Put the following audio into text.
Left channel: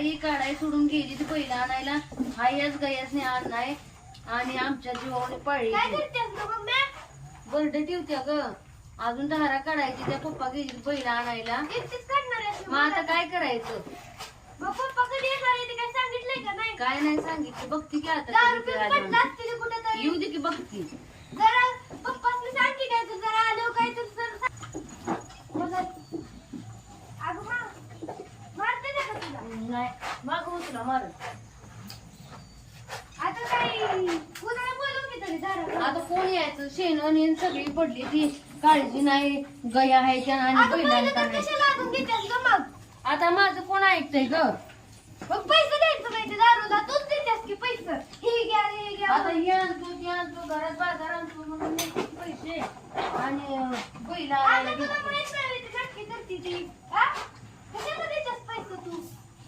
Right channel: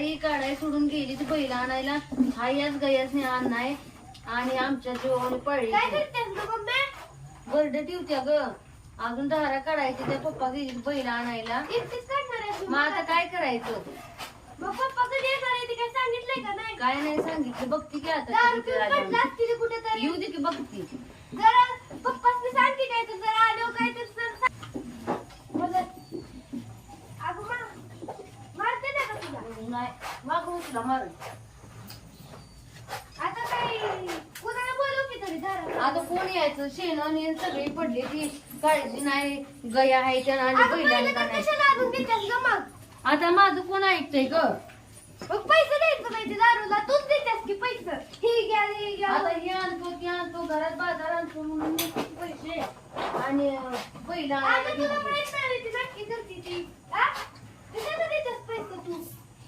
ही काढाय सोडून गेली ती पहिला आणायला. हा याच गयासने आणलाय आणि आमच्या जीवाने पळली. बर्डे ठेवत्या ग. अजून धारा काढायची. त्या पप्पा गेली पहिला आणायला. मग आता काय करायचं? काय नाही सांगितलं. बघती की आता येऊ दे की बघती. नाही मागू तुला मारून. आता कोण यायचं? शेण सगळी पडली ती. काळजी नाही. गया आहे त्या आणि बैलांना नाही. आता माझं कोण ऐकतंय ग? पैसे द्यायचं नाही दारूला. तूच देतेस की पैसे. हे घ्या हे घ्या. आता हे आणतो ते आणतो घरात बाजार आणतो म्हणून पैसे आणि बैला तुला माहित नाही ती नक्की करते ती. कशाला देतेस पैसे तू?